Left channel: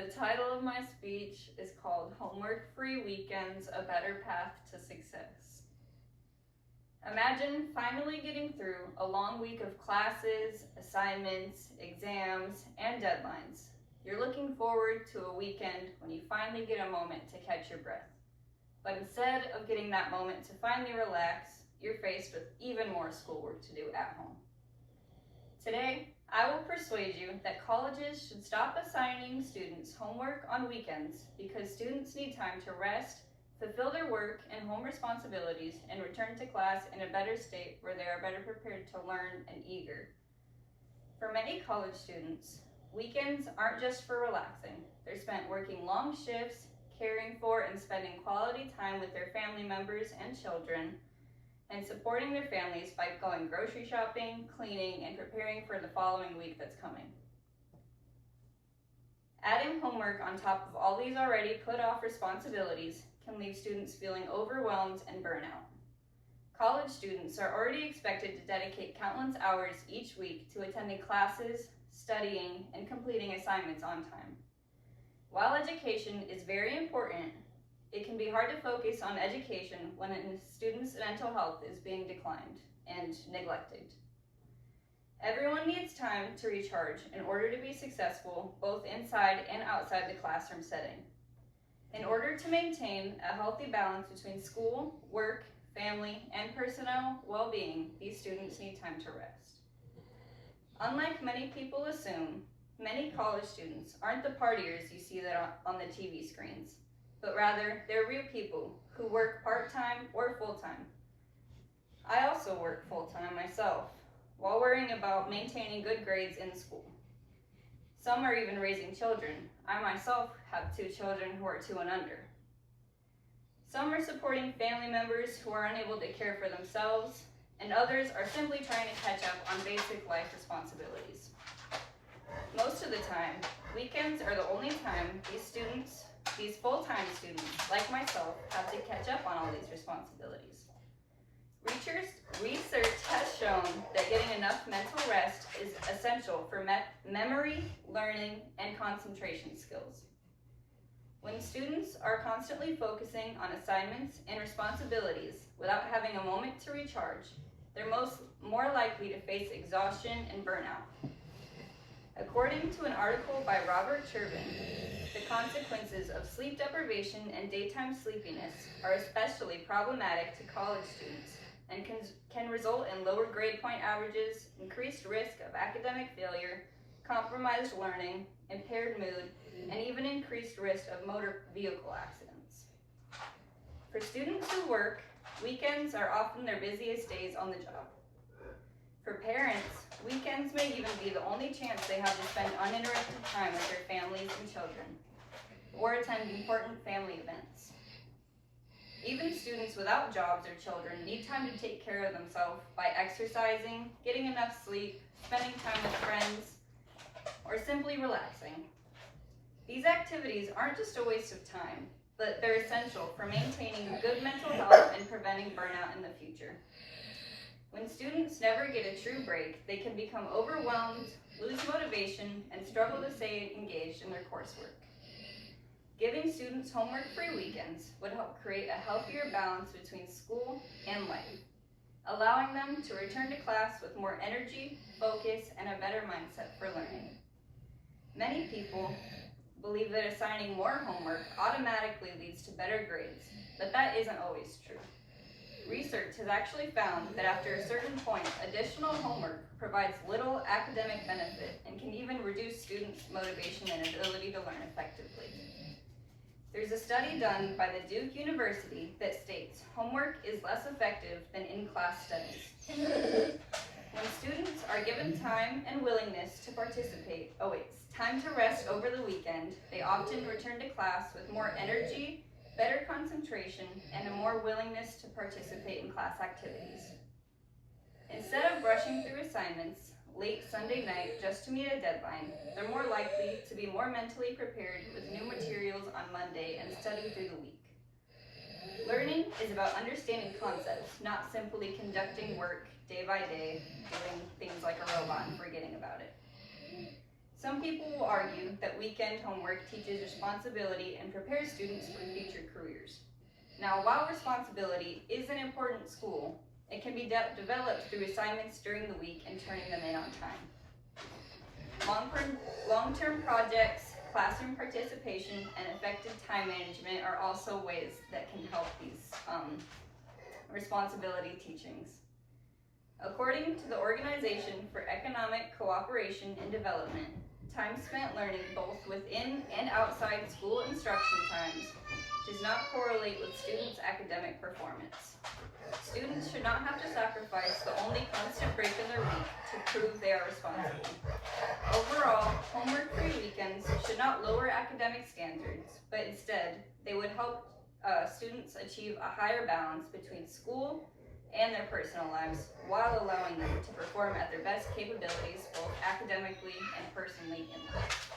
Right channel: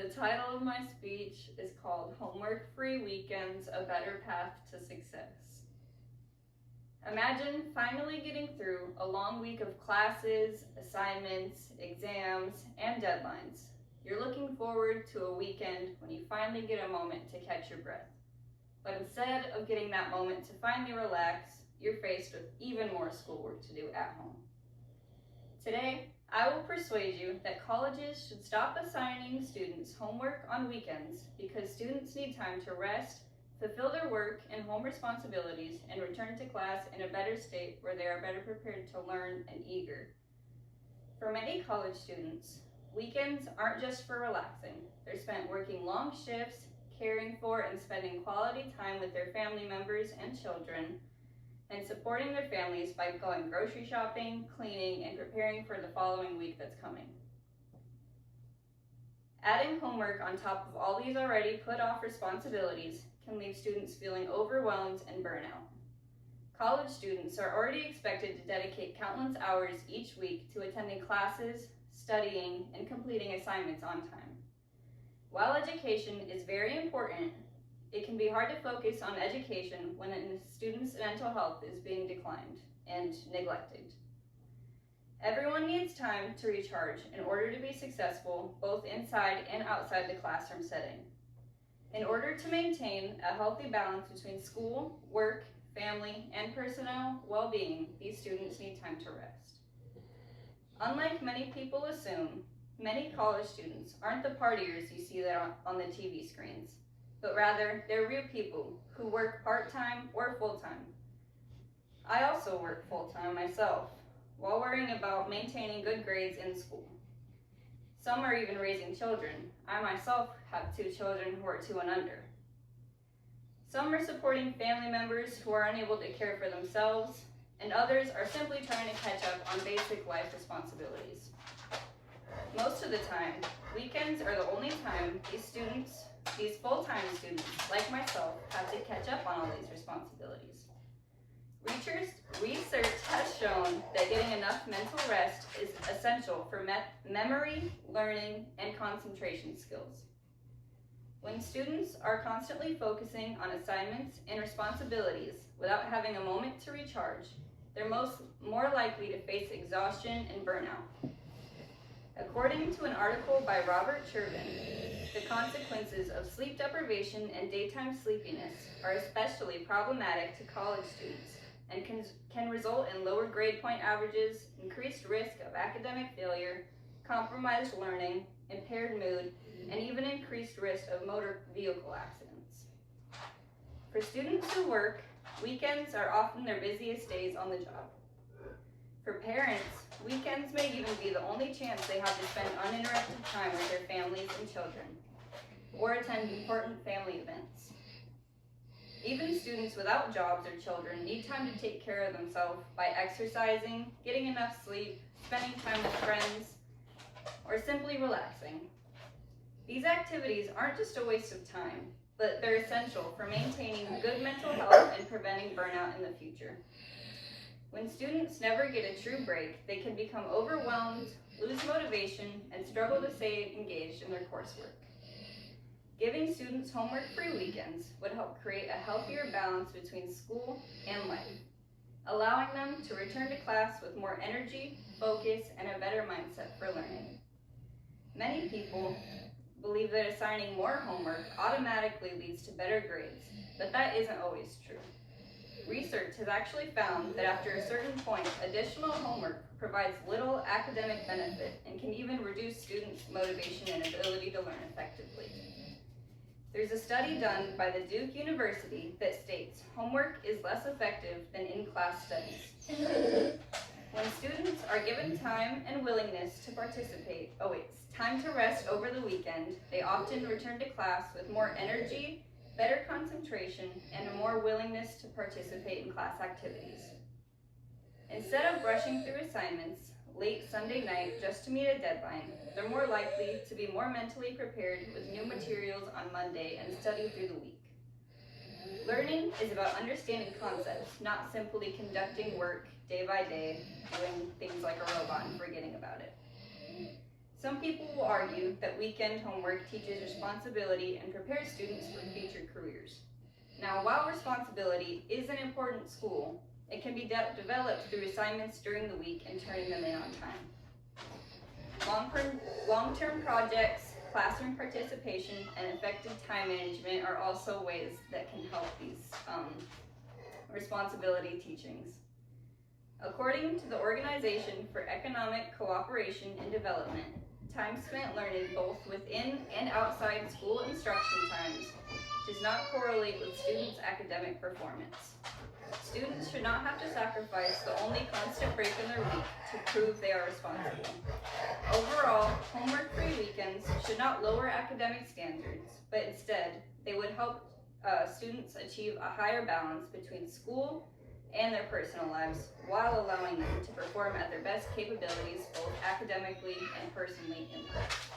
The title of my speech is called Homework-Free Weekends, A Better Path to Success. Imagine finally getting through a long week of classes, assignments, exams, and deadlines. You're looking forward to a weekend when you finally get a moment to catch your breath. But instead of getting that moment to finally relax, you're faced with even more schoolwork to do at home. Today, I will persuade you that colleges should stop assigning students homework on weekends because students need time to rest, fulfill their work and home responsibilities, and return to class in a better state where they are better prepared to learn and eager. For many college students, weekends aren't just for relaxing. They're spent working long shifts, caring for and spending quality time with their family members and children, and supporting their families by going grocery shopping, cleaning, and preparing for the following week that's coming. Adding homework on top of all these already put off responsibilities can leave students feeling overwhelmed and burnout. College students are already expected to dedicate countless hours each week to attending classes, studying, and completing assignments on time. While education is very important, it can be hard to focus on education when a student's mental health is being declined and neglected. Everyone needs time to recharge in order to be successful both inside and outside the classroom setting. In order to maintain a healthy balance between school, work, family, and personal well-being, these students need time to rest. Unlike many people assume, many college students aren't the partiers you see on the TV screens, but rather they're real people who work part-time or full-time. I also work full-time myself, while worrying about maintaining good grades in school. Some are even raising children. I myself have 2 children who are 2 and under. Some are supporting family members who are unable to care for themselves, and others are simply trying to catch up on basic life responsibilities. Most of the time, weekends are the only time these full-time students, like myself, have to catch up on all these responsibilities. Research has shown that getting enough mental rest is essential for memory, learning, and concentration skills. When students are constantly focusing on assignments and responsibilities without having a moment to recharge, they're more likely to face exhaustion and burnout. According to an article by Robert Turbin, the consequences of sleep deprivation and daytime sleepiness are especially problematic to college students and can result in lower grade point averages, increased risk of academic failure, compromised learning, impaired mood, and even increased risk of motor vehicle accidents. For students who work, weekends are often their busiest days on the job. For parents, weekends may even be the only chance they have to spend uninterrupted time with their families and children, or attend important family events. Even students without jobs or children need time to take care of themselves by exercising, getting enough sleep, spending time with friends, or simply relaxing. These activities aren't just a waste of time, but they're essential for maintaining good mental health and preventing burnout in the future. When students never get a true break, they can become overwhelmed, lose motivation, and struggle to stay engaged in their coursework. Giving students homework-free weekends would help create a healthier balance between school and life, allowing them to return to class with more energy, focus, and a better mindset for learning. Many people believe that assigning more homework automatically leads to better grades, but that isn't always true. Research has actually found that after a certain point, additional homework provides little academic benefit and can even reduce students' motivation and ability to learn effectively. There's a study done by the Duke University that states homework is less effective than in-class studies. When students are given time and willingness to participate, time to rest over the weekend, they often return to class with more energy, better concentration, and a more willingness to participate in class activities. Instead of rushing through assignments late Sunday night just to meet a deadline, they're more likely to be more mentally prepared with new materials on Monday and study through the week. Learning is about understanding concepts, not simply conducting work day by day, doing things like a robot and forgetting about it. Some people will argue that weekend homework teaches responsibility and prepares students for future careers. Now, while responsibility is an important in school, it can be developed through assignments during the week and turning them in on time. Long-term projects, classroom participation, and effective time management are also ways that can help these responsibility teachings. According to the Organization for Economic Cooperation and Development, time spent learning both within and outside school instruction times does not correlate with students' academic performance. Students should not have to sacrifice the only constant break in their week to prove they are responsible. Overall, homework-free weekends should not lower academic standards, but instead, they would help students achieve a higher balance between school and their personal lives while allowing them to perform at their best capabilities both academically and personally in life.